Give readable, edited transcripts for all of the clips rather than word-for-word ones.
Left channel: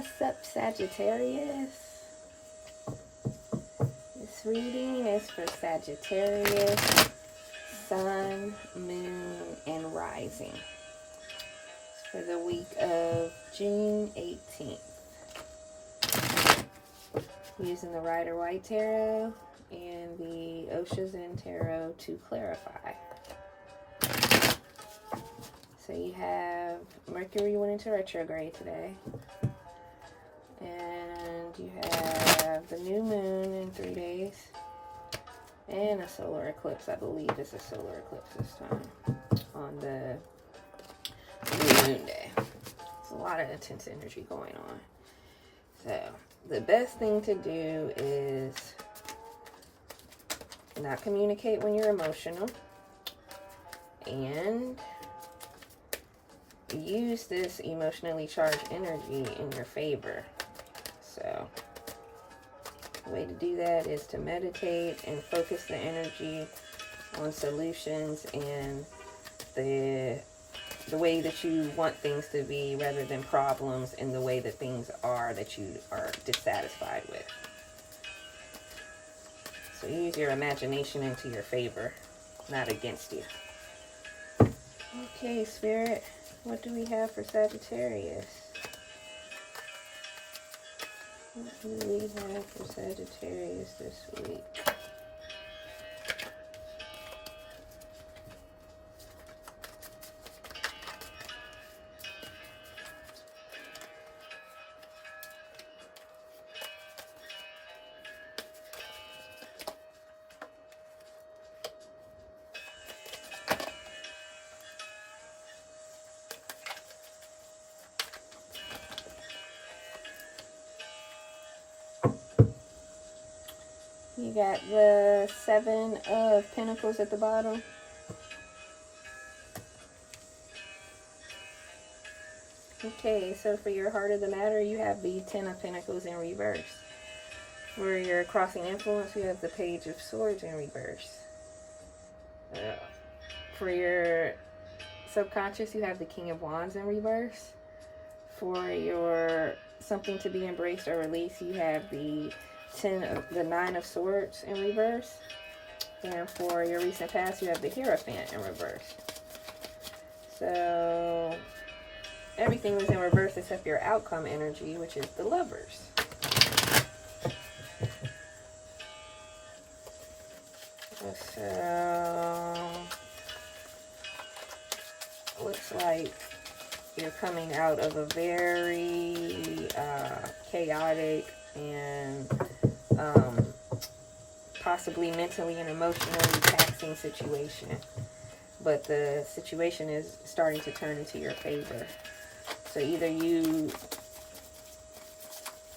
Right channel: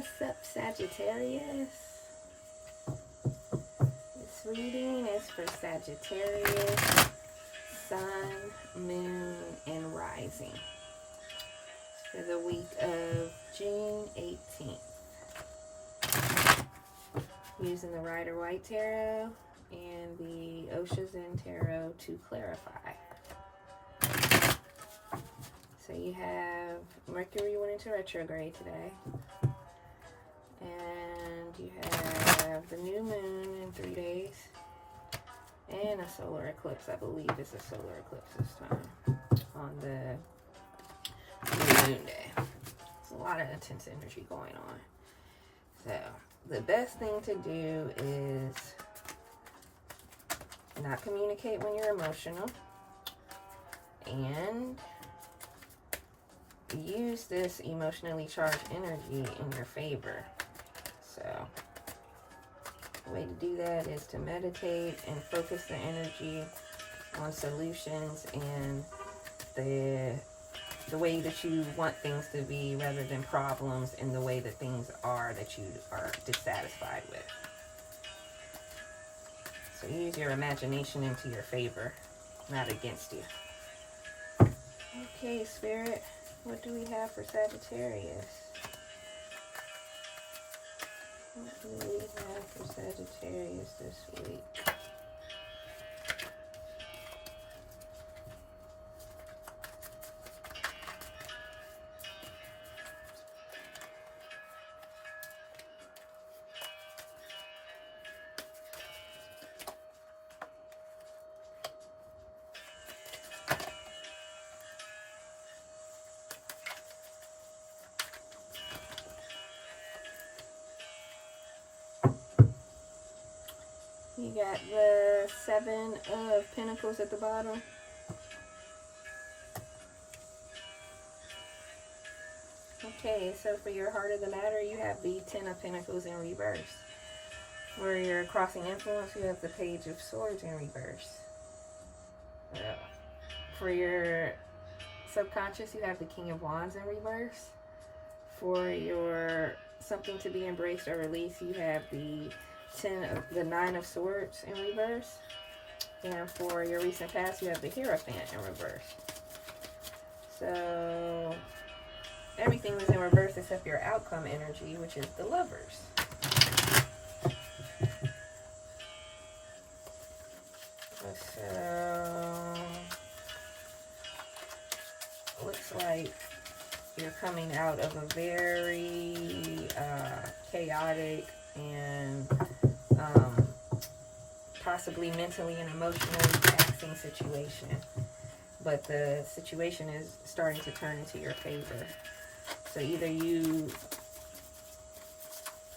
What's up, Sagittarius? This reading is for Sagittarius, Sun, Moon, and Rising. It's for the week of June 18th. Using the Rider-Waite Tarot and the Oshizan Tarot to clarify. So you have Mercury went into retrograde today. And you have the new moon in 3 days. And a solar eclipse. I believe it's a solar eclipse this time. On the new moon day. There's a lot of intense energy going on. So the best thing to do is not communicate when you're emotional. And use this emotionally charged energy in your favor. So the way to do that is to meditate and focus the energy on solutions and the way that you want things to be, rather than problems in the way that things are that you are dissatisfied with. So use your imagination into your favor, not against you. Okay, Spirit, what do we have for Sagittarius? What do we have for Sagittarius this week? You got the 7 of Pentacles at the bottom. Okay, so for your heart of the matter, you have the 10 of Pentacles in reverse. For your crossing influence, you have the Page of Swords in reverse. For your subconscious, you have the King of Wands in reverse. For your something to be embraced or released, you have the 9 of Swords in reverse. And for your recent past, you have the Hierophant in reverse. So everything is in reverse except your outcome energy, which is the Lovers. So looks like you're coming out of a very chaotic and possibly mentally and emotionally taxing situation, but the situation is starting to turn into your favor. So either you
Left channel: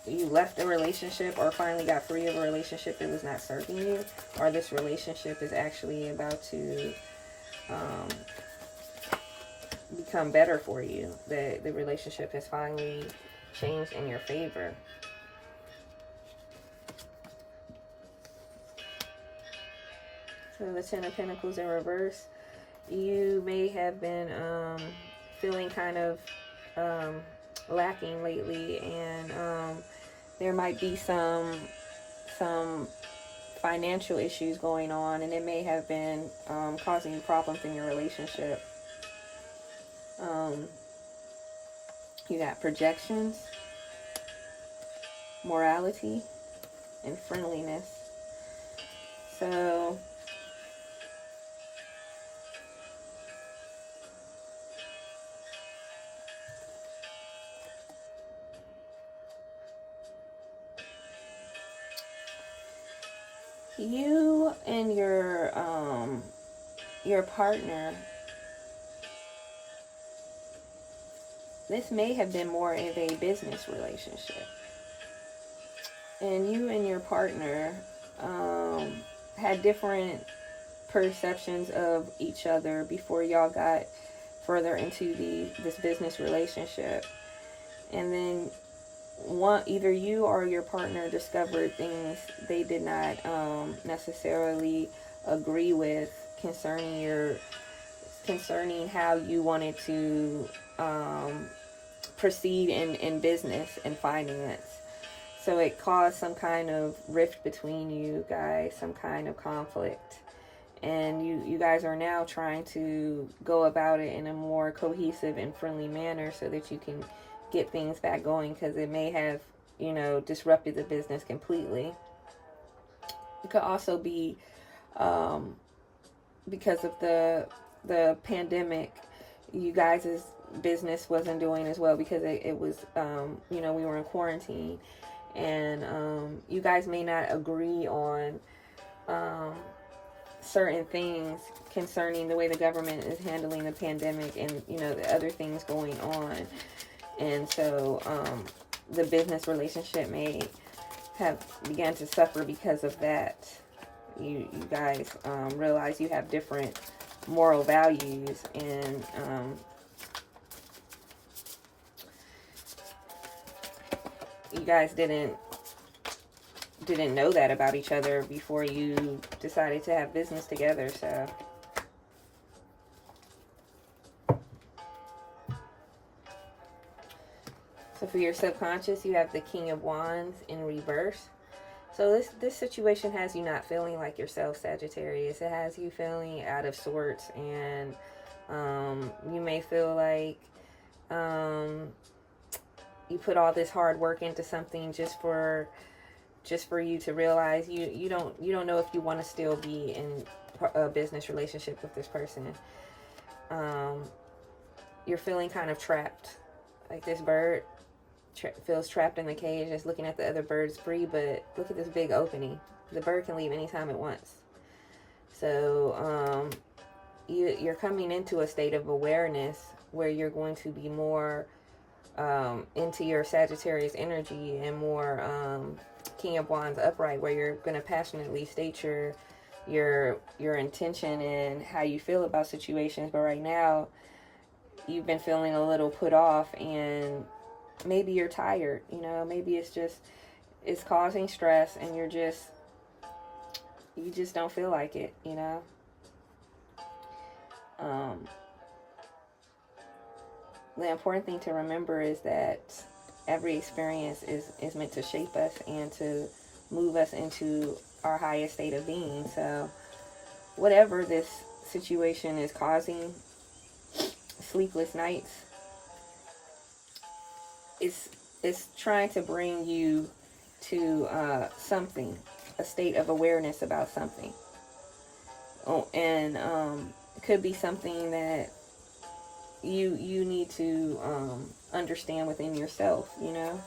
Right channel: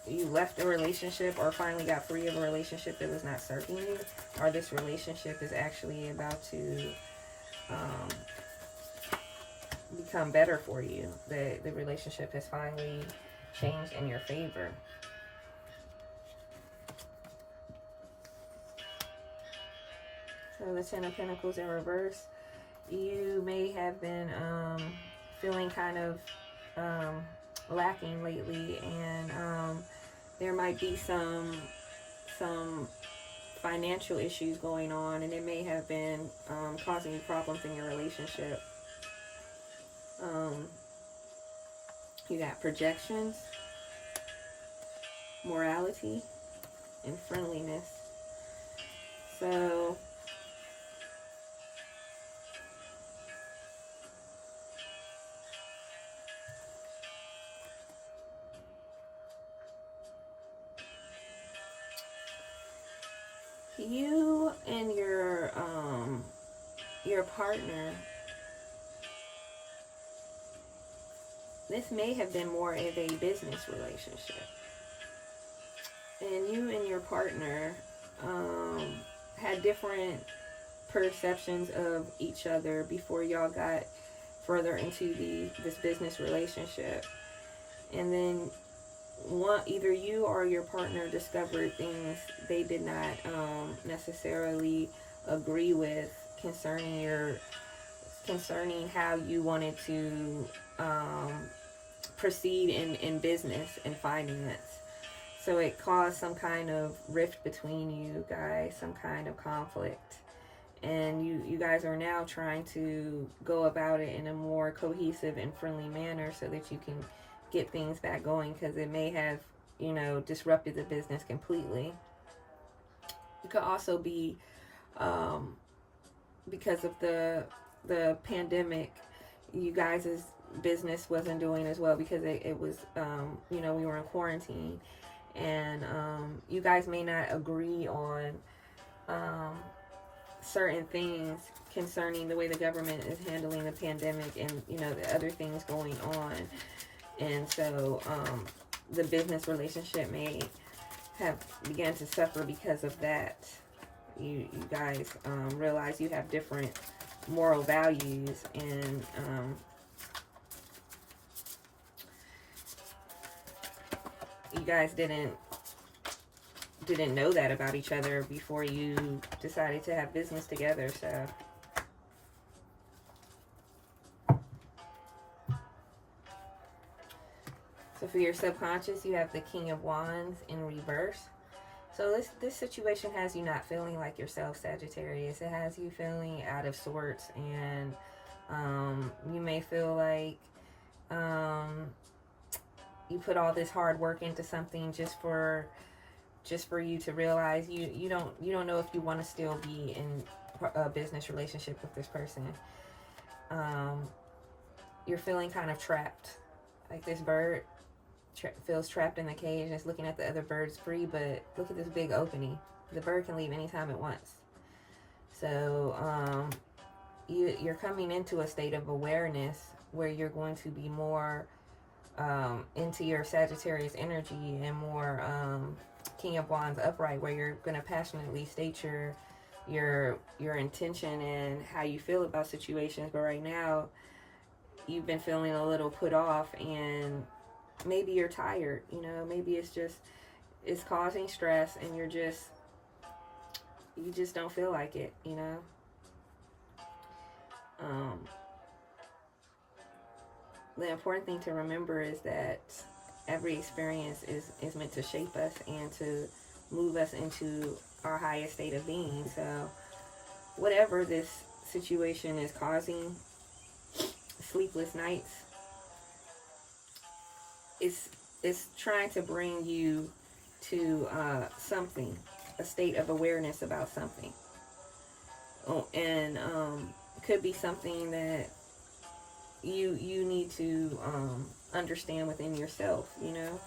left a relationship or finally got free of a relationship that was not serving you, or this relationship is actually about to become better for you. The relationship has finally changed in your favor. So the 10 of Pentacles in reverse, you may have been feeling kind of lacking lately, and there might be some financial issues going on, and it may have been causing you problems in your relationship. You got projections, morality, and friendliness. So you and your partner, this may have been more of a business relationship, and you and your partner had different perceptions of each other before y'all got further into this business relationship. And then either you or your partner discovered things they did not necessarily agree with concerning how you wanted to proceed in business and finance. So it caused some kind of rift between you guys, some kind of conflict. And you guys are now trying to go about it in a more cohesive and friendly manner so that you can get things back going, because it may have, you know, disrupted the business completely. It could also be because of the pandemic, you guys' business wasn't doing as well because it was, you know, we were in quarantine. And you guys may not agree on certain things concerning the way the government is handling the pandemic and, you know, the other things going on. And so the business relationship may have began to suffer because of that. You guys realize you have different moral values, and you guys didn't know that about each other before you decided to have business together. So for your subconscious, you have the King of Wands in reverse. So this situation has you not feeling like yourself, Sagittarius. It has you feeling out of sorts, and you may feel like you put all this hard work into something just for you to realize you don't know if you want to still be in a business relationship with this person. You're feeling kind of trapped, like this bird feels trapped in the cage, just looking at the other birds free, but look at this big opening. The bird can leave anytime it wants. So you're coming into a state of awareness where you're going to be more into your Sagittarius energy and more King of Wands upright, where you're going to passionately state your intention and how you feel about situations. But right now you've been feeling a little put off, and maybe you're tired, you know, maybe it's causing stress, and you just don't feel like it, you know. The important thing to remember is that every experience is meant to shape us and to move us into our highest state of being. So whatever this situation is causing, sleepless nights, it's trying to bring you to something, a state of awareness about something. Oh, and it could be something that you need to understand within yourself, you know.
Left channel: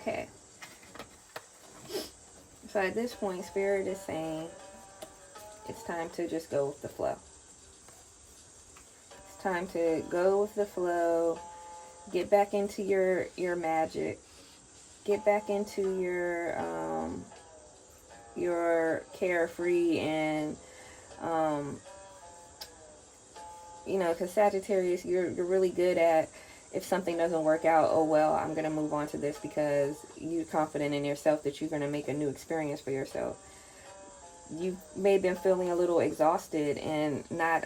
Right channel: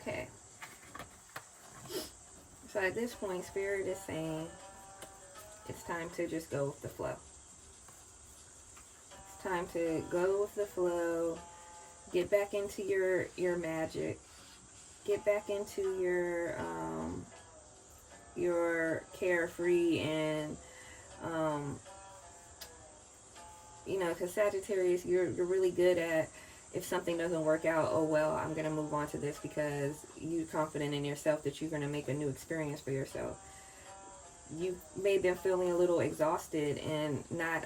Okay. So at this point, Spirit is saying it's time to just go with the flow. It's time to go with the flow. Get back into your magic. Get back into your carefree and you know, because Sagittarius, you're really good at, if something doesn't work out, oh well, I'm going to move on to this, because you're confident in yourself that you're going to make a new experience for yourself. You may have been feeling a little exhausted and not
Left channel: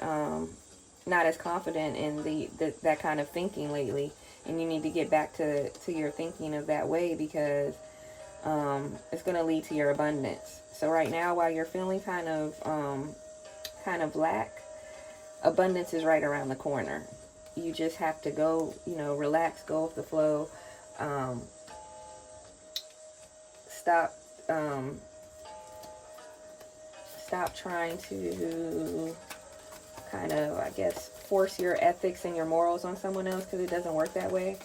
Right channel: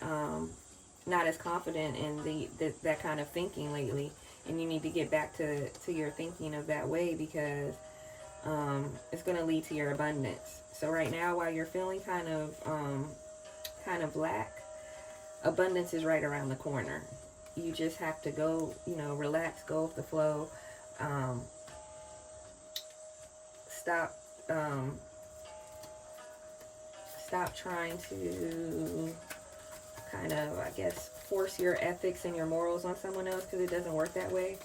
as confident in that kind of thinking lately, and you need to get back to your thinking of that way, because it's going to lead to your abundance. So right now, while you're feeling kind of lack, abundance is right around the corner. You just have to go, you know, relax, go with the flow. Stop trying to kind of, I guess, force your ethics and your morals on someone else, because it doesn't work that way.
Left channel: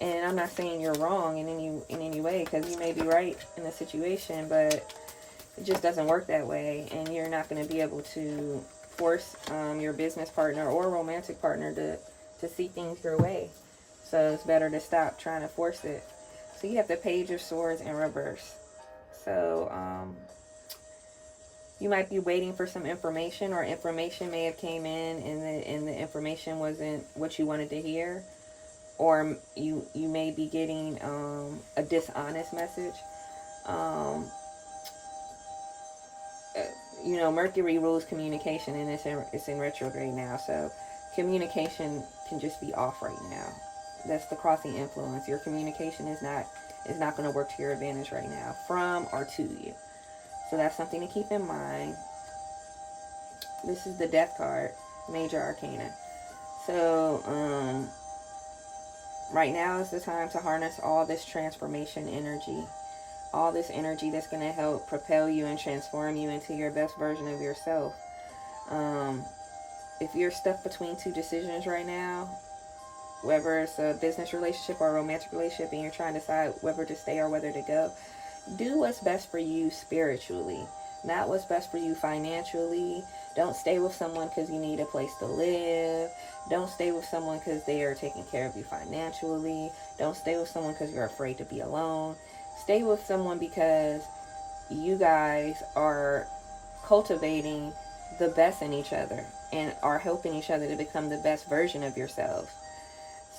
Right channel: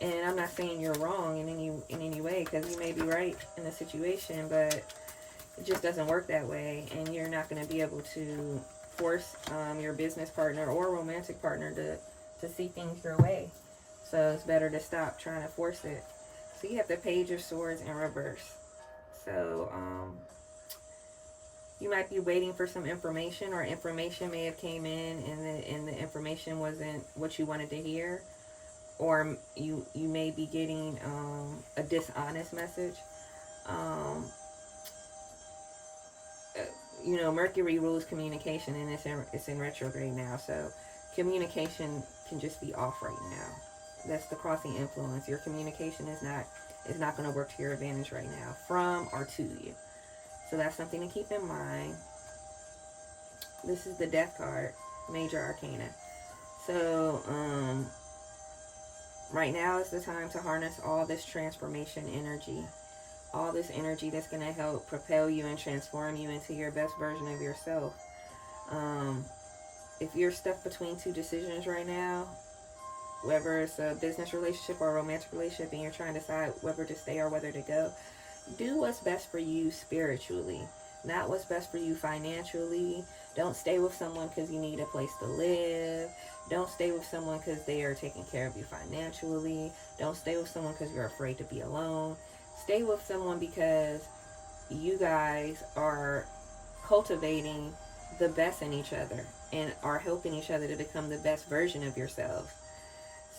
And I'm not saying you're wrong in any way, because you may be right in a situation, but it just doesn't work that way, and you're not going to be able to force your business partner or romantic partner to see things your way. So it's better to stop trying to force it. So you have the Page of Swords in reverse. So You might be waiting for some information, or information may have came in and the information wasn't what you wanted to hear, or you may be getting a dishonest message. Um, you know, Mercury rules communication, and it's in retrograde now, so communication can just be off right now. That's the crossing influence. Your communication is not going to work to your advantage right now, from or to you. So that's something to keep in mind. This is the Death card, Major Arcana. So right now is the time to harness all this transformation energy. All this energy that's going to help propel you and transform you into your best version of yourself. If you're stuck between two decisions right now, whether it's a business relationship or a romantic relationship, and you're trying to decide whether to stay or whether to go, do what's best for you spiritually, not what's best for you financially. Don't stay with someone because you need a place to live. Don't stay with someone because they are taking care of you financially. Don't stay with someone because you're afraid to be alone. Stay with someone because you guys are cultivating the best in each other and are helping each other to become the best version of yourselves.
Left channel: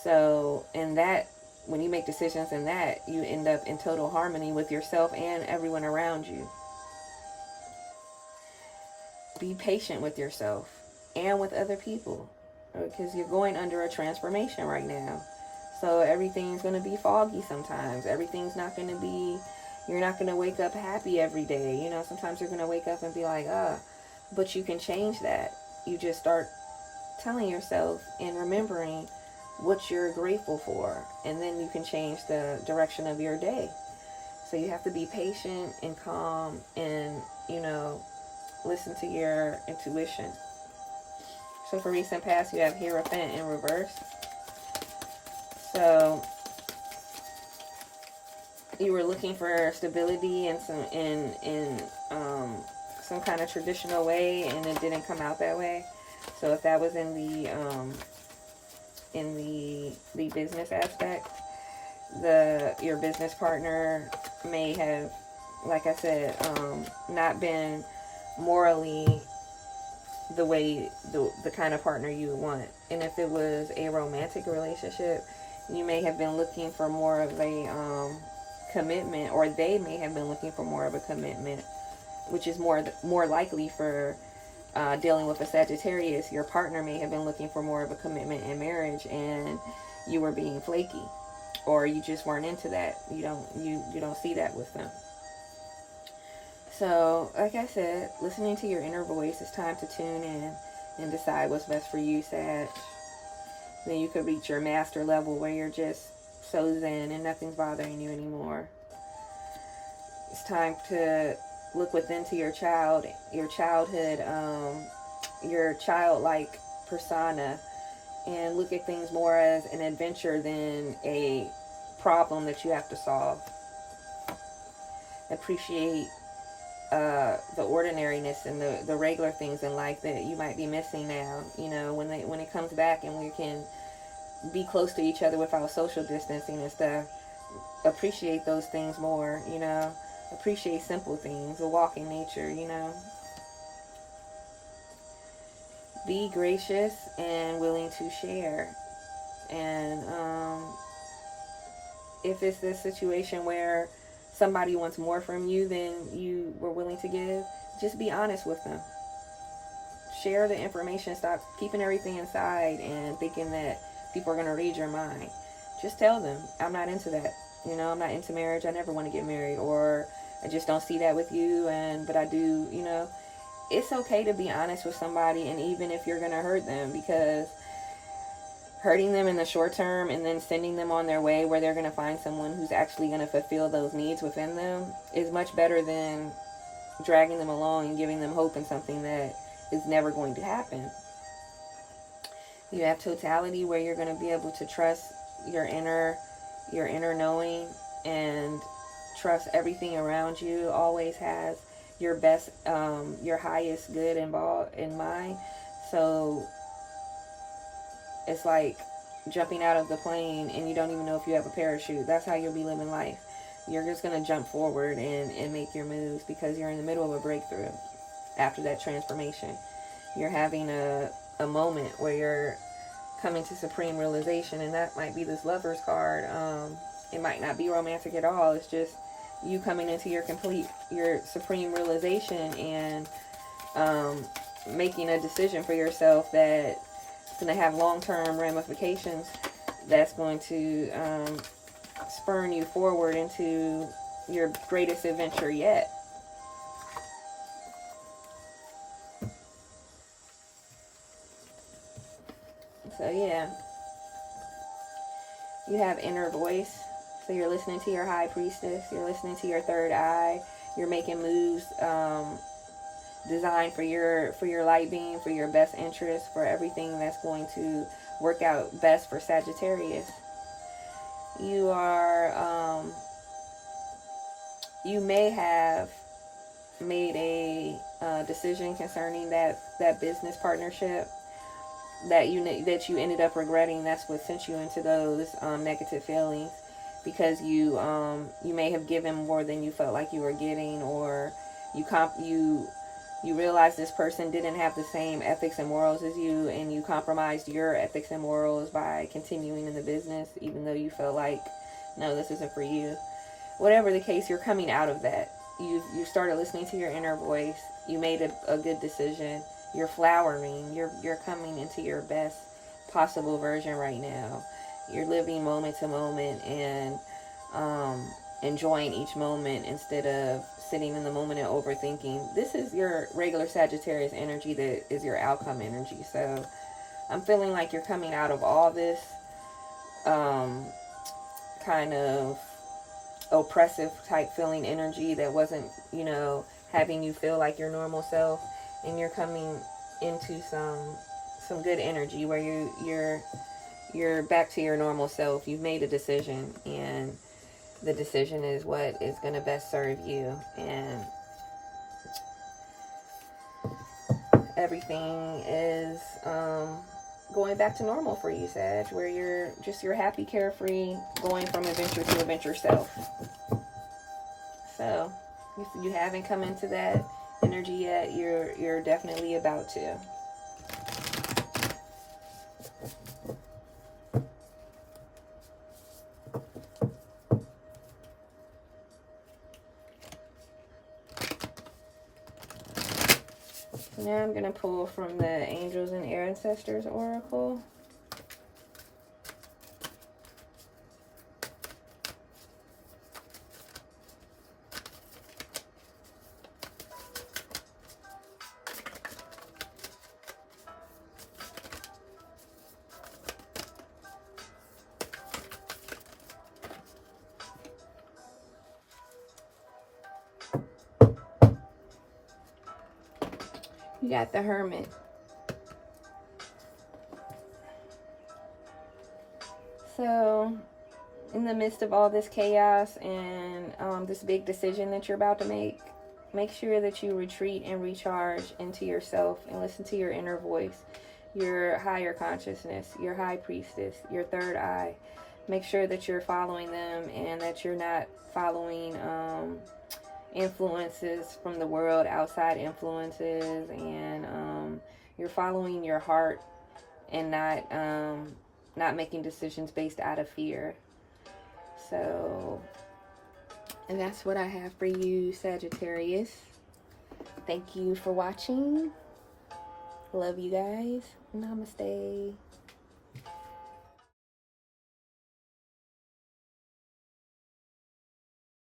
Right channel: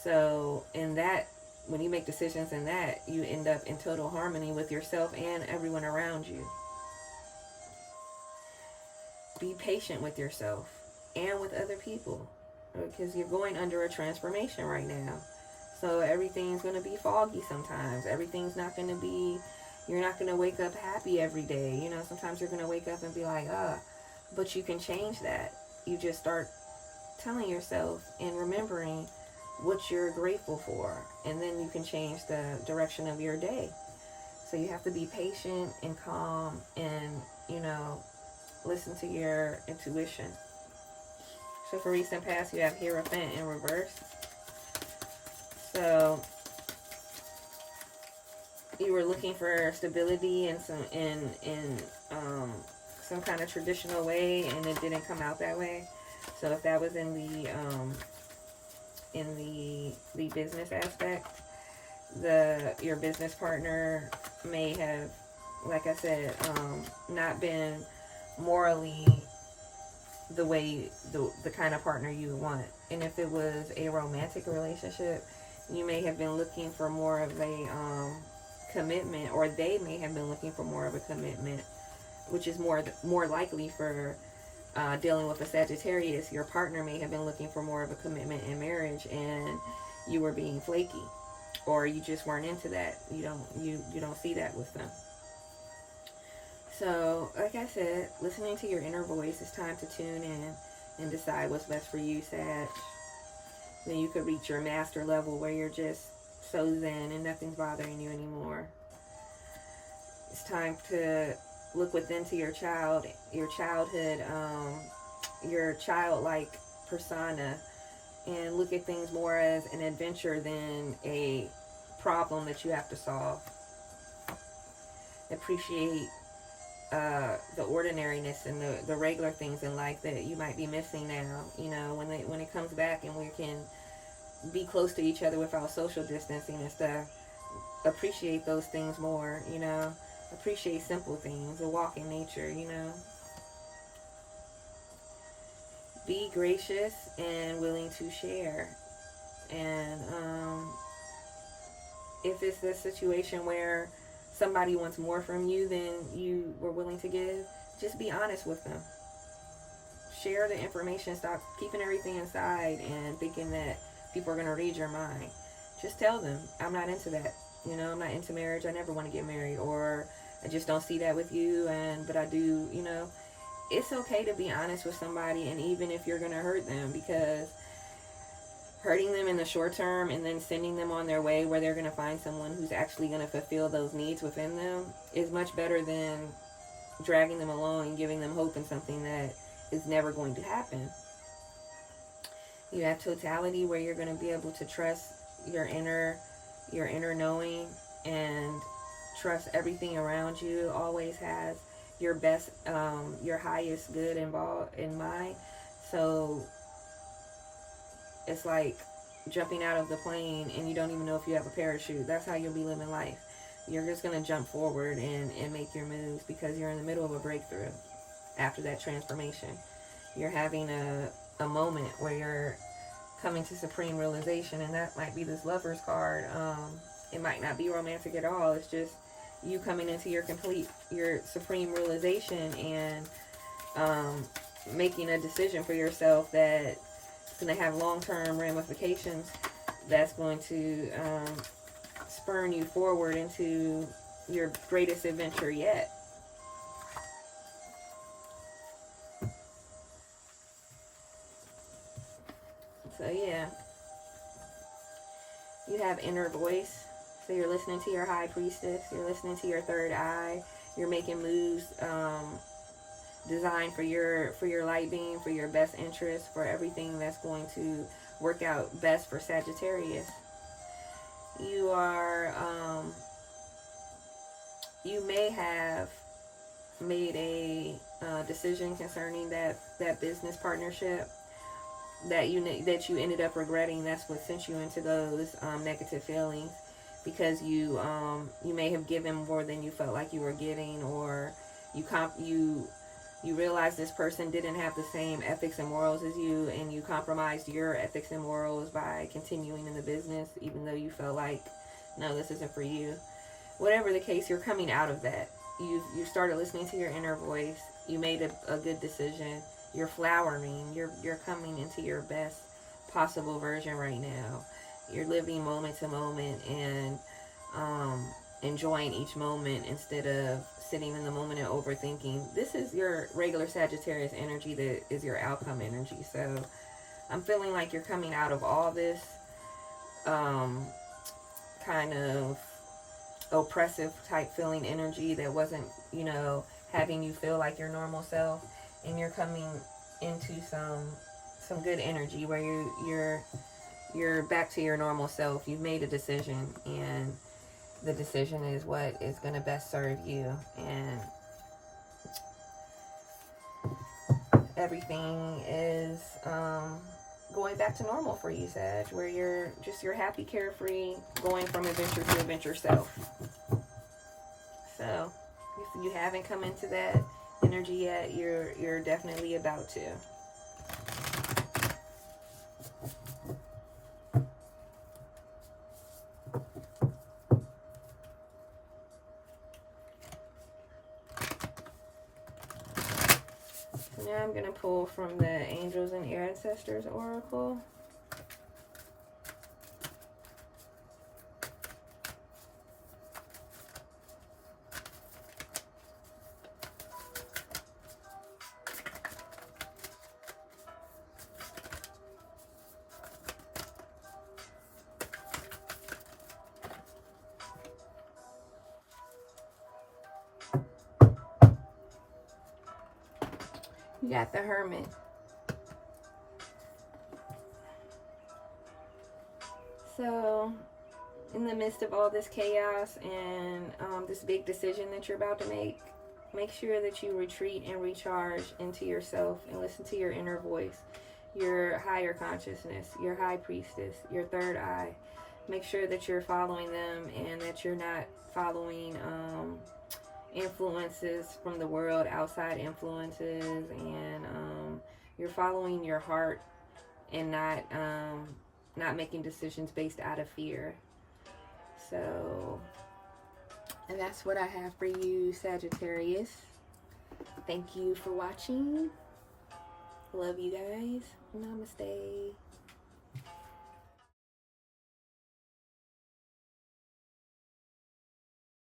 So in that, when you make decisions in that, you end up in total harmony with yourself and everyone around you. Be patient with yourself and with other people, because you're going under a transformation right now. So everything's going to be foggy sometimes. Everything's not going to be, you're not going to wake up happy every day. You know, sometimes you're going to wake up and be like, but you can change that. You just start telling yourself and remembering what you're grateful for, and then you can change the direction of your day. So you have to be patient and calm and, you know, listen to your intuition. So for recent past, you have Hierophant in reverse. So you were looking for stability and some kind of traditional way, and it didn't come out that way. So if that was in the business aspect, your business partner may have, like I said, not been morally the kind of partner you would want. And if it was a romantic relationship, you may have been looking for more of a commitment, or they may have been looking for more of a commitment, which is more likely for dealing with a Sagittarius. Your partner may have been looking for more of a commitment in marriage, and you were being flaky, or you just weren't into that. You don't see that with them. So, like I said, listening to your inner voice, it's time to tune in and decide what's best for you, Sag. Then you could reach your master level where you're just so zen and nothing's bothering you anymore. It's time to look within to your childhood, your childlike persona, and look at things more as an adventure than a problem that you have to solve. Appreciate the ordinariness and the regular things in life that you might be missing now. You know, when it comes back and we can be close to each other without social distancing and stuff, appreciate those things more, you know. Appreciate simple things, a walk in nature, you know. Be gracious and willing to share. And if it's this situation where somebody wants more from you than you were willing to give, just be honest with them. Share the information. Stop keeping everything inside and thinking that people are going to read your mind. Just tell them, I'm not into that. You know, I'm not into marriage. I never want to get married. Or I just don't see that with you. But I do, you know. It's okay to be honest with somebody, and even if you're going to hurt them, because hurting them in the short term and then sending them on their way where they're going to find someone who's actually going to fulfill those needs within them is much better than dragging them along and giving them hope in something that is never going to happen. You have totality, where you're going to be able to trust your inner knowing and trust everything around you always has your best, your highest good involved in mind. So it's like jumping out of the plane and you don't even know if you have a parachute. That's how you'll be living life. You're just going to jump forward and make your moves because you're in the middle of a breakthrough. after that transformation. You're having a moment where you're coming to supreme realization, and that might be this Lover's card. It might not be romantic at all. It's just you coming into your supreme realization, and making a decision for yourself that it's going to have long-term ramifications, that's going to spurn you forward into your greatest adventure yet. So yeah, you have inner voice. So you're listening to your high priestess. You're listening to your third eye. You're making moves designed for your light being, for your best interest, for everything that's going to work out best for Sagittarius. You are you may have made a decision concerning that business partnership that you ended up regretting. That's what sent you into those negative feelings, because you may have given more than you felt like you were getting, or you realized this person didn't have the same ethics and morals as you, and you compromised your ethics and morals by continuing in the business, even though you felt like, no, this isn't for you. Whatever the case, you're coming out of that. You started listening to your inner voice. You made a good decision. You're flowering. You're coming into your best possible version right now. You're living moment to moment and enjoying each moment instead of sitting in the moment and overthinking. This is your regular Sagittarius energy that is your outcome energy. So I'm feeling like you're coming out of all this kind of oppressive type feeling energy that wasn't, having you feel like your normal self, and you're coming into some good energy where you're back to your normal self. You've made a decision, and the decision is what is going to best serve you, and everything is going back to normal for you, Sag, where you're happy, carefree, going from adventure to adventure self. So if you haven't come into that energy yet, you're definitely about to. Now I'm going to pull from the Angels and Ancestors Oracle. You got the Hermit. So, in the midst of all this chaos and this big decision that you're about to make sure that you retreat and recharge into yourself and listen to your inner voice, your higher consciousness, your high priestess, your third eye. Make sure that you're following them and that you're not following influences from the world, outside influences, and you're following your heart and not making decisions based out of fear. So, and that's what I have for you, Sagittarius. Thank you for watching. Love you guys. Namaste.